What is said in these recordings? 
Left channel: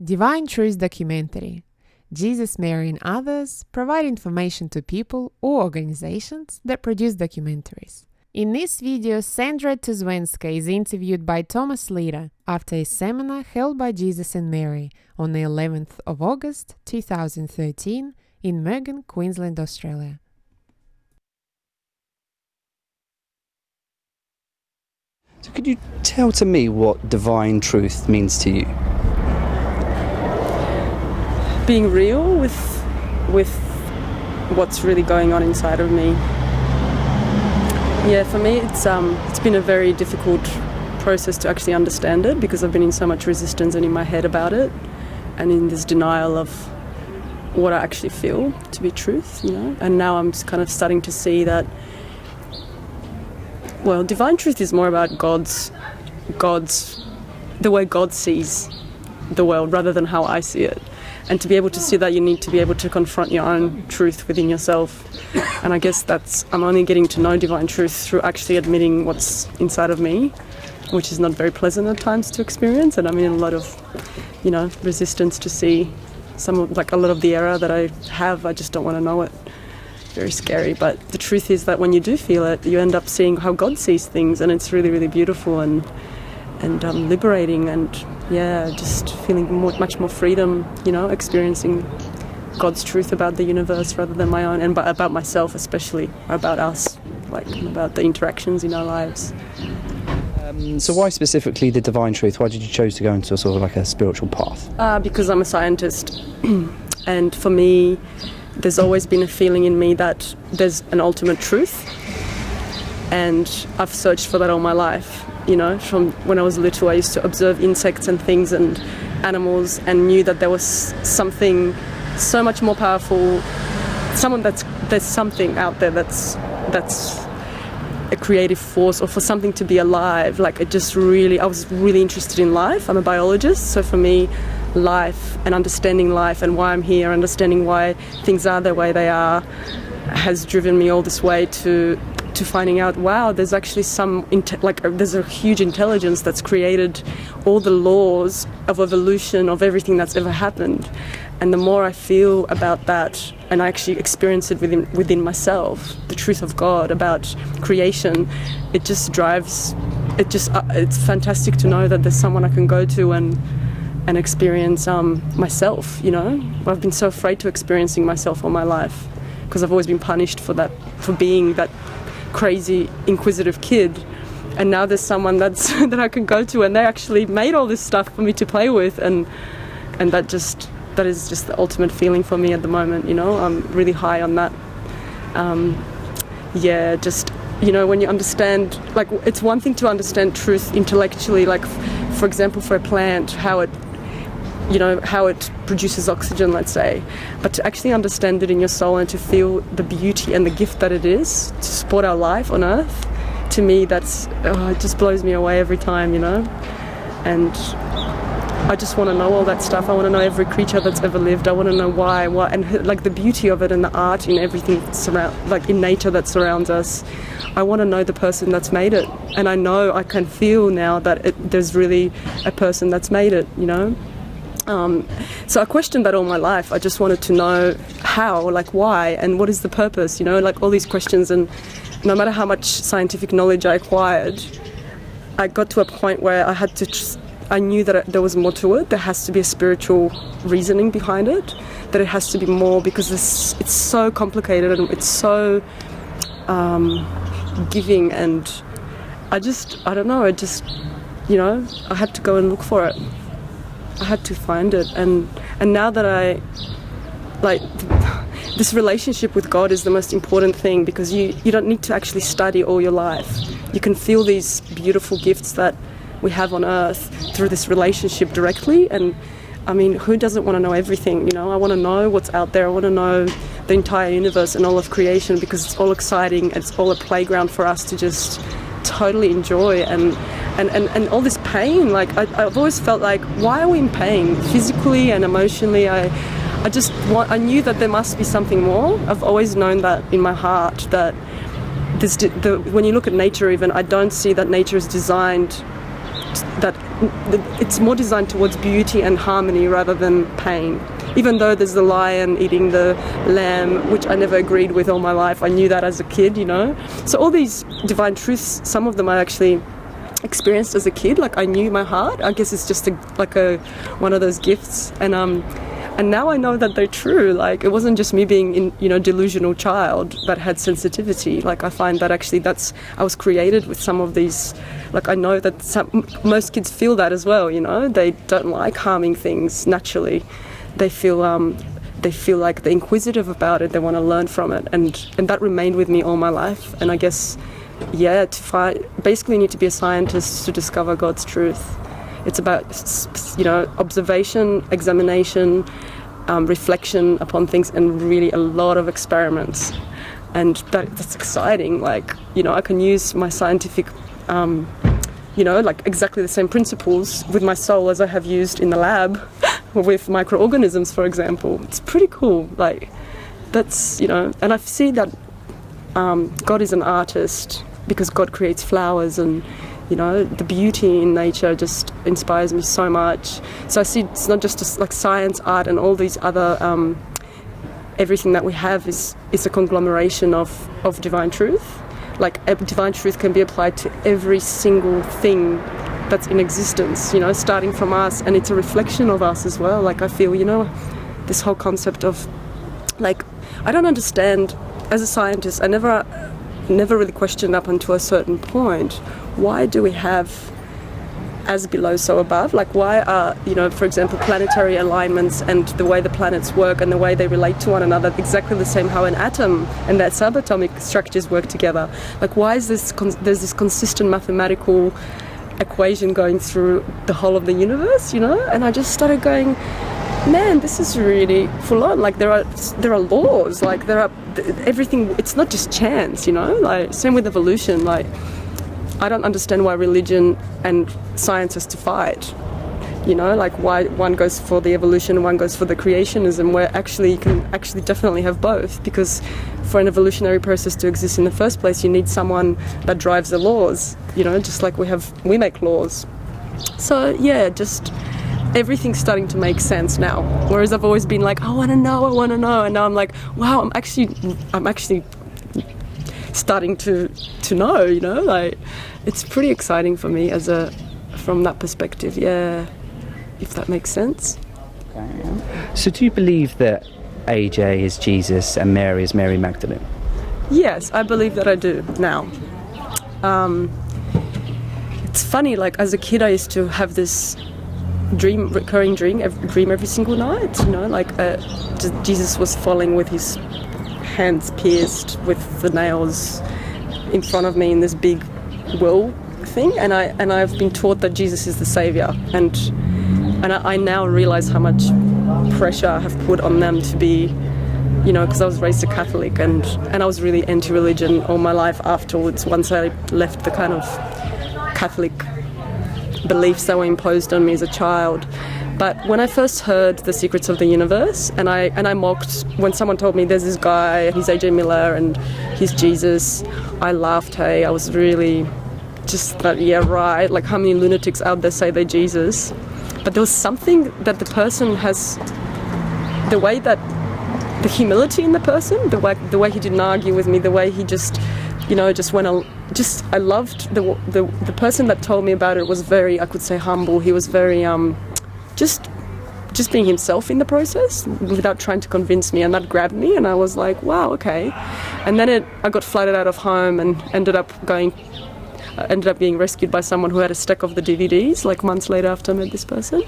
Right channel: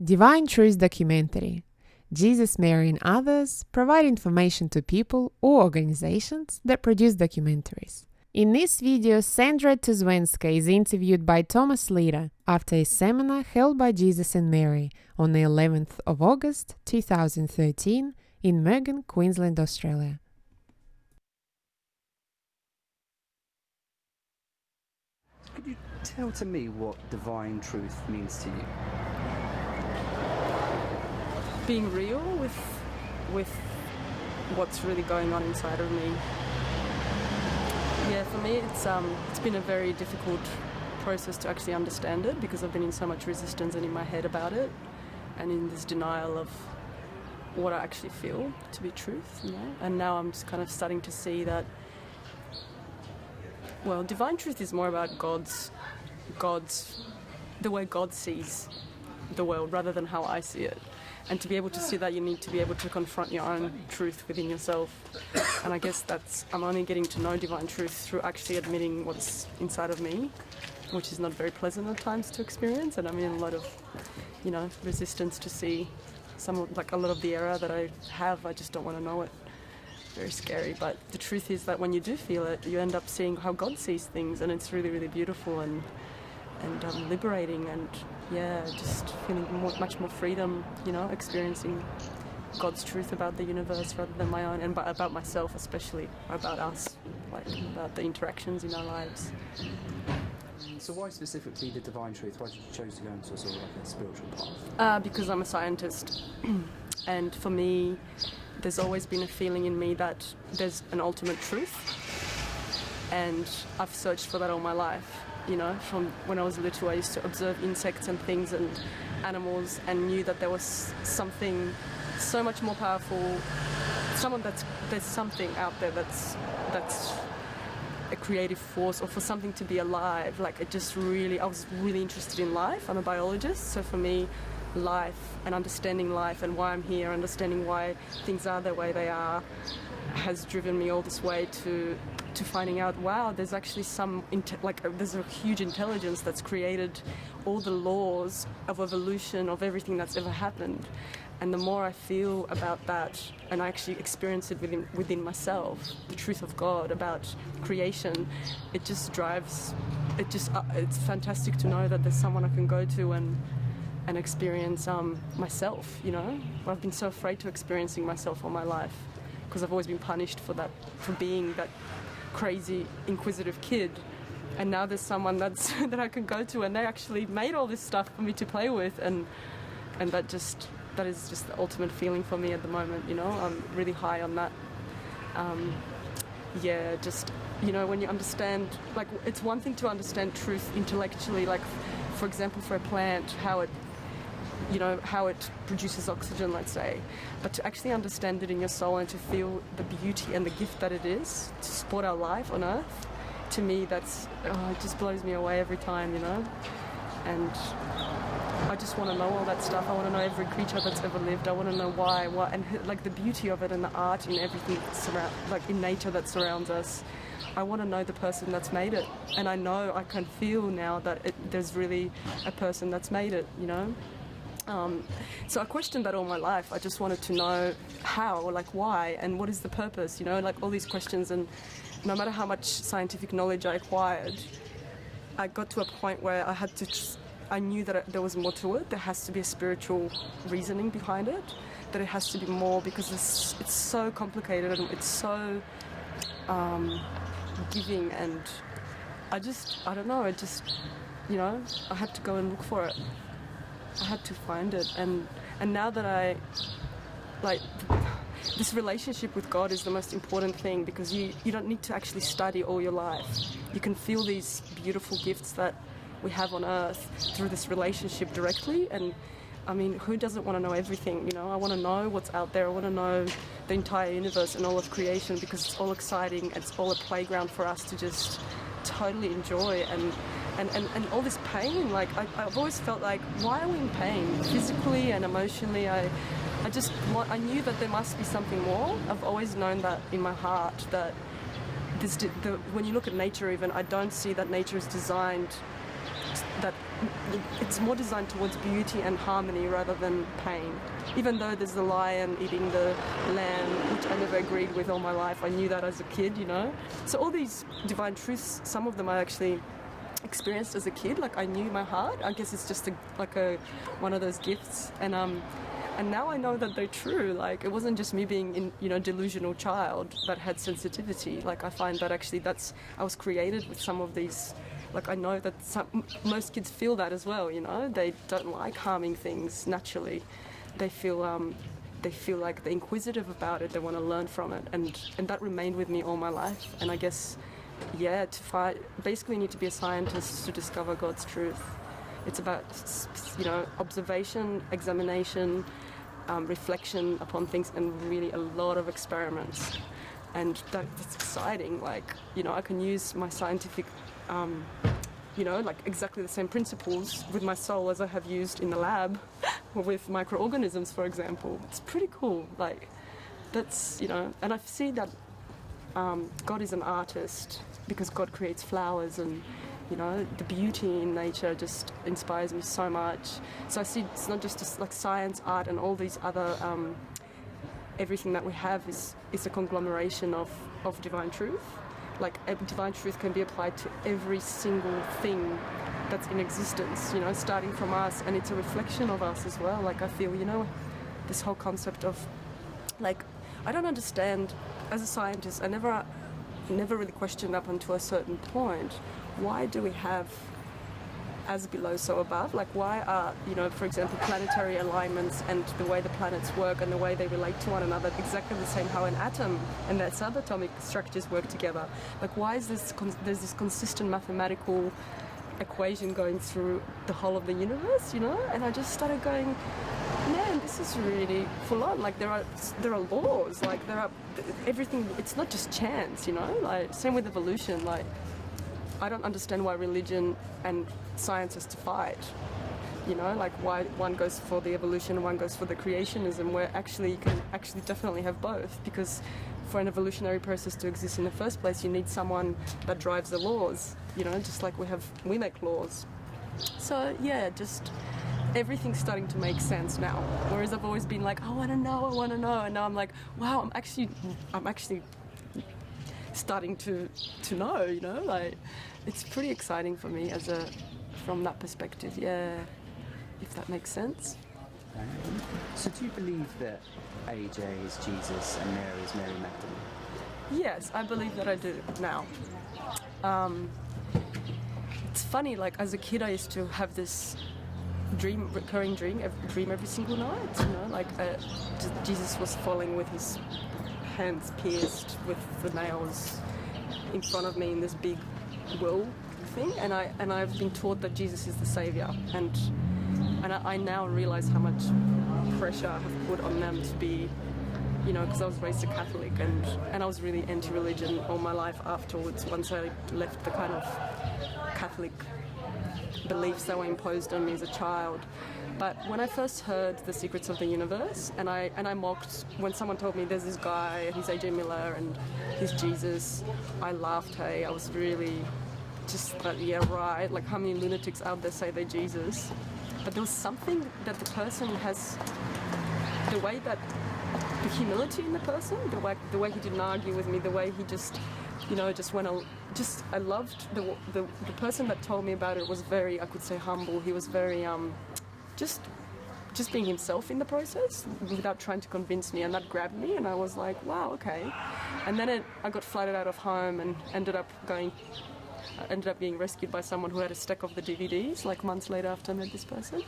Divine Truth documentary. Jesus, Mary, and others provide information to people or organizations that produce documentaries. In this video, Sandra Tuszynska is interviewed by Thomas Leder after a seminar held by Jesus and Mary on the 11th of August 2013 in Mergen, Queensland, Australia. So could you tell to me what divine truth means to you? Being real with what's really going on inside of me. Yeah, for me it's been a very difficult process to actually understand it because I've been in so much resistance and in my head about it and in this denial of what I actually feel to be truth, you know. And now I'm kind of starting to see that, well, divine truth is more about God's the way God sees the world rather than how I see it. And to be able to see that, you need to be able to confront your own truth within yourself. And I guess I'm only getting to know divine truth through actually admitting what's inside of me, which is not very pleasant at times to experience. And I'm in a lot of, resistance to see a lot of the error that I have. I just don't want to know it. Very scary. But the truth is that when you do feel it, you end up seeing how God sees things, and it's really, really beautiful and liberating, and just feeling much more freedom, experiencing God's truth about the universe rather than my own, and about myself especially, about us, about the interactions in our lives. So why specifically the divine truth? Why did you choose to go into a sort of like a spiritual path? Because I'm a scientist, and for me, there's always been a feeling in me that there's an ultimate truth, and I've searched for that all my life. From when I was little, I used to observe insects and things and animals and knew that there was something so much more powerful, there's something out there that's a creative force, or for something to be alive. I was really interested in life. I'm a biologist, so for me, life and understanding life and why I'm here, understanding why things are the way they are, has driven me all this way to finding out, wow, there's actually there's a huge intelligence that's created all the laws of evolution of everything that's ever happened. And the more I feel about that, and I actually experience it within myself, the truth of God about creation, it's fantastic to know that there's someone I can go to and experience myself. I've been so afraid to experiencing myself all my life because I've always been punished for being that crazy inquisitive kid, and now there's someone that I can go to, and they actually made all this stuff for me to play with, and that is just the ultimate feeling for me at the moment. I'm really high on that. When you understand, it's one thing to understand truth intellectually, for example, for a plant, how it produces oxygen, let's say, but to actually understand it in your soul and to feel the beauty and the gift that it is to support our life on Earth, to me, it just blows me away every time, and I just want to know all that stuff. I want to know every creature that's ever lived. I want to know why, and the beauty of it and the art in everything in nature that surrounds us. I want to know the person that's made it, and I can feel now that there's really a person that's made it, So I questioned that all my life. I just wanted to know how, why, and what is the purpose, all these questions. And no matter how much scientific knowledge I acquired, I got to a point where I knew that there was more to it. There has to be a spiritual reasoning behind it, that it has to be more, because it's so complicated and it's so giving, and I don't know, I had to go and look for it. I had to find it, and now that this relationship with God is the most important thing, because you don't need to actually study all your life. You can feel these beautiful gifts that we have on Earth through this relationship directly, and I mean, who doesn't want to know everything? I want to know what's out there. I want to know the entire universe and all of creation, because it's all exciting. It's all a playground for us to just totally enjoy, and all this pain, I've always felt why are we in pain physically and emotionally? I knew that there must be something more. I've always known that in my heart, that when you look at nature even, I don't see that nature is designed that it's more designed towards beauty and harmony rather than pain. Even though there's the lion eating the lamb, which I never agreed with all my life. I knew that as a kid, you know. So all these divine truths, some of them I actually experienced as a kid. Like I knew my heart. I guess it's just one of those gifts. And now I know that they're true. Like it wasn't just me being delusional child that had sensitivity. Like I find that actually I was created with some of these. Like I know that most kids feel that as well. You know, they don't like harming things naturally. They feel like they're inquisitive about it. They want to learn from it, and that remained with me all my life. And I guess, yeah, basically you need to be a scientist to discover God's truth. It's about observation, examination, reflection upon things, and really a lot of experiments. And that's exciting. Like I can use my scientific like exactly the same principles with my soul as I have used in the lab with microorganisms, for example. It's pretty cool. Like that's, and I see that God is an artist because God creates flowers, and the beauty in nature just inspires me so much. So I see it's not just like science, art, and all these other everything that we have is a conglomeration of divine truth. Like divine truth can be applied to every single thing that's in existence, starting from us, and it's a reflection of us as well. Like I feel, this whole concept of, like, I don't understand, as a scientist, I never really questioned up until a certain point, why do we have as below, so above? Like why are, for example, planetary alignments and the way the planets work and the way they relate to one another exactly the same how an atom and their subatomic structures work together? Like why is there's this consistent mathematical equation going through the whole of the universe, And I just started going, man, this is really full on. Like there are laws, like there are everything. It's not just chance, Like same with evolution. Like I don't understand why religion and science has to fight. Like why one goes for the evolution and one goes for the creationism, where actually you can actually definitely have both, because for an evolutionary process to exist in the first place, you need someone that drives the laws, just like we make laws. So yeah, just everything's starting to make sense now. Whereas I've always been like, I want to know, and now I'm like, wow, I'm actually starting to know, like it's pretty exciting for me from that perspective, yeah, if that makes sense. So do you believe that AJ is Jesus and Mary is Mary Magdalene? Yes, I believe that I do now. It's funny, like as a kid I used to have this recurring dream every single night, like Jesus was falling with his hands pierced with the nails in front of me in this big will thing, and I've been taught that Jesus is the savior, and I now realize how much pressure I have put on them to be, because I was raised a Catholic, and I was really anti-religion all my life afterwards, once I left the kind of Catholic beliefs that were imposed on me as a child. But when I first heard The Secrets of the Universe, and I mocked when someone told me there's this guy, he's AJ Miller and he's Jesus, I laughed, hey, I was really just like, yeah, right, like how many lunatics out there say they're Jesus? But there was something that the person has, the way that, the humility in the person, the way he didn't argue with me, the way he just, just went on. I loved the person that told me about it was very, I could say, humble. He was very just being himself in the process without trying to convince me, and that grabbed me, and I was like, wow, okay. And then I got flooded out of home and ended up being rescued by someone who had a stack of the DVDs like months later after I met this person.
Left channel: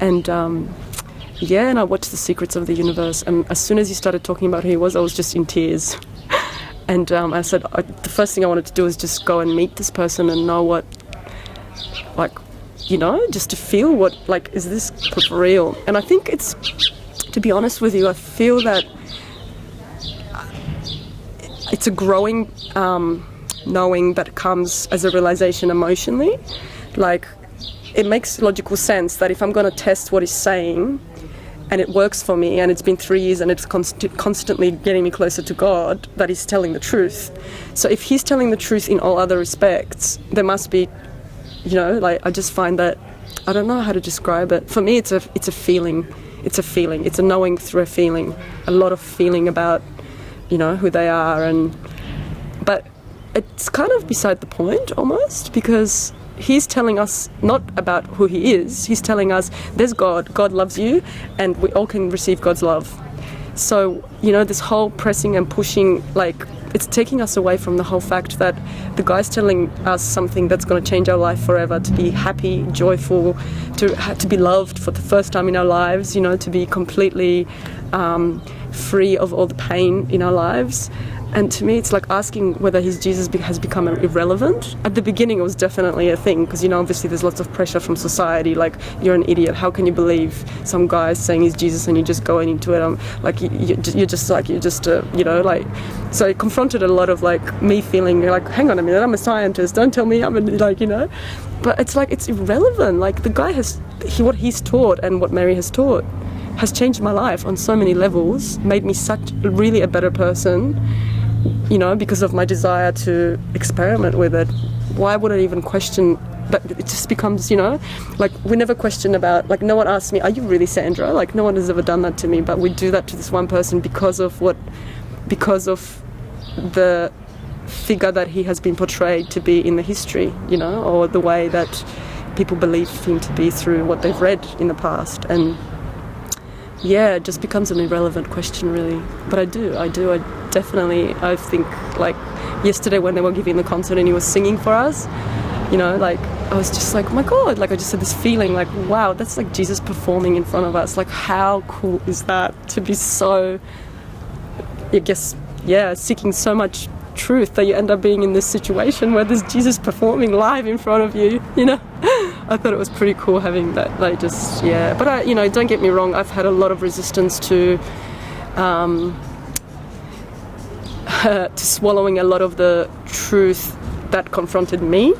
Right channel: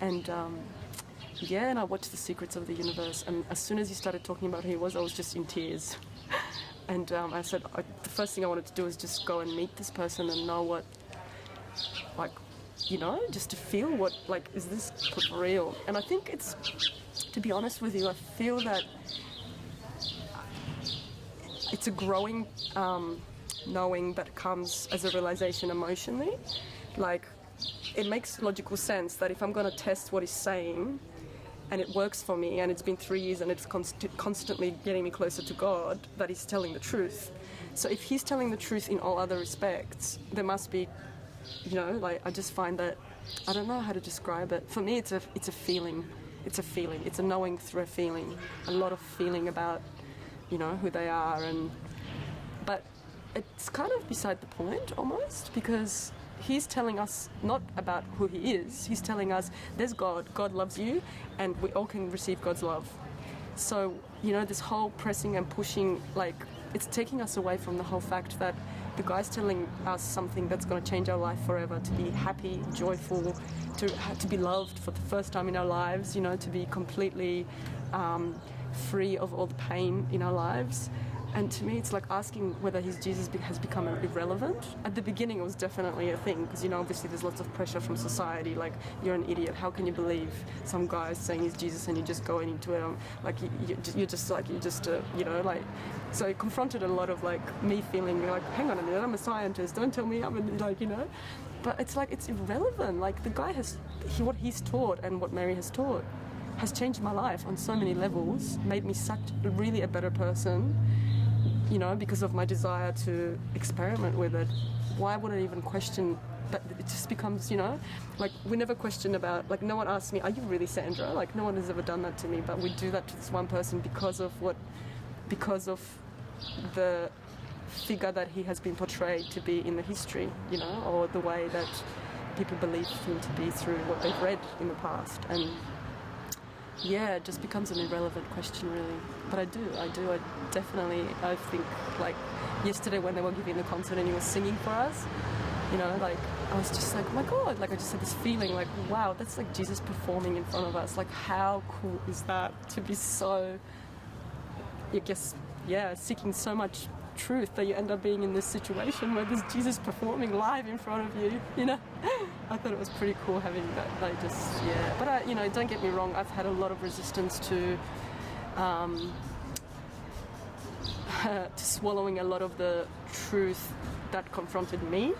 And and I watched The Secrets of the Universe, and as soon as he started talking about who he was, I was just in tears. And I said, the first thing I wanted to do was just go and meet this person and know what, like, just to feel what, like, is this for real? And I think it's, to be honest with you, I feel that it's a growing knowing that comes as a realization emotionally. Like, it makes logical sense that if I'm going to test what he's saying, and it works for me, and it's been 3 years and it's constantly getting me closer to God, that he's telling the truth. So if he's telling the truth in all other respects, there must be you know, like I just find that, I don't know how to describe it. For me, it's a feeling. It's a feeling. It's a knowing through a feeling. A lot of feeling about, you know, who they are. But it's kind of beside the point almost, because he's telling us not about who he is. He's telling us there's God. God loves you, and we all can receive God's love. So, you know, this whole pressing and pushing, like, it's taking us away from the whole fact that the guy's telling us something that's going to change our life forever, to be happy, joyful, to be loved for the first time in our lives, you know, to be completely free of all the pain in our lives. And to me, it's like asking whether his Jesus has become irrelevant. At the beginning, it was definitely a thing, because, you know, obviously there's lots of pressure from society, like, you're an idiot, how can you believe some guy saying he's Jesus and you're just going into it? Like, you're just, you know, like, so it confronted a lot of, like, me feeling like, hang on a minute, I'm a scientist, don't tell me I'm like, you know. But it's like, it's irrelevant. Like, the guy what he's taught and what Mary has taught has changed my life on so many levels, made me really a better person, you know, because of my desire to experiment with it. Why would I even question? But it just becomes, you know, like, we never question about, like, no one asks me, are you really Sandra? Like, no one has ever done that to me, but we do that to this one person because of the figure that he has been portrayed to be in the history, you know, or the way that people believe him to be through what they've read in the past. And yeah, it just becomes an irrelevant question, really. But I definitely, I think, like, yesterday when they were giving the concert and he was singing for us, you know, like, I was just like, oh my God, like, I just had this feeling like, wow, that's like Jesus performing in front of us. Like, how cool is that, to be so, I guess, yeah, seeking so much truth that you end up being in this situation where there's Jesus performing live in front of you, you know. I thought it was pretty cool having that, like, just, yeah. But I, you know, don't get me wrong, I've had a lot of resistance to swallowing a lot of the truth that confronted me,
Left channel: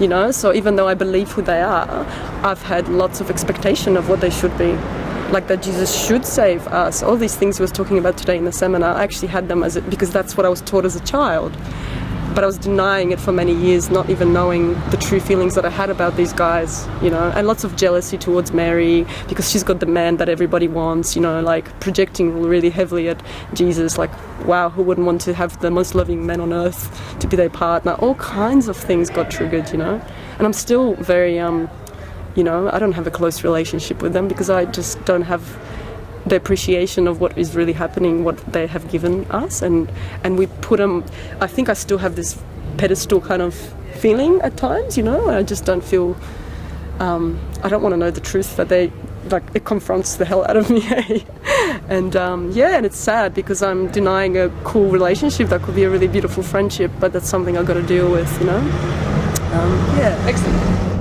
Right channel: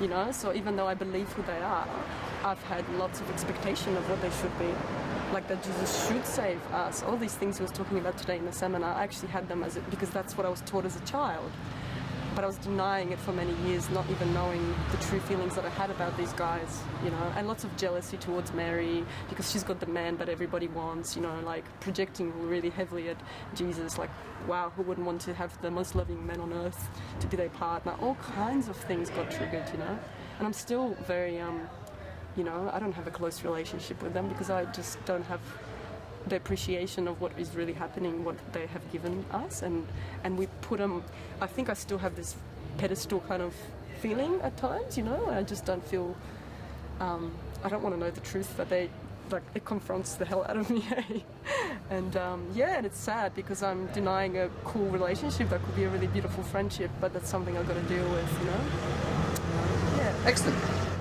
you know. So even though I believe who they are, I've had lots of expectation of what they should be. Like, that Jesus should save us. All these things he was talking about today in the seminar, I actually had them because that's what I was taught as a child. But I was denying it for many years, not even knowing the true feelings that I had about these guys, you know, and lots of jealousy towards Mary because she's got the man that everybody wants, you know, like, projecting really heavily at Jesus, like, wow, who wouldn't want to have the most loving man on earth to be their partner? All kinds of things got triggered, you know. And I'm still very, you know, I don't have a close relationship with them because I just don't have the appreciation of what is really happening, what they have given us, and we put them, I think I still have this pedestal kind of feeling at times, you know. I just don't feel, I don't want to know the truth that they, like, it confronts the hell out of me. And yeah, and it's sad because I'm denying a cool relationship that could be a really beautiful friendship, but that's something I've got to deal with, you know. Yeah. Excellent.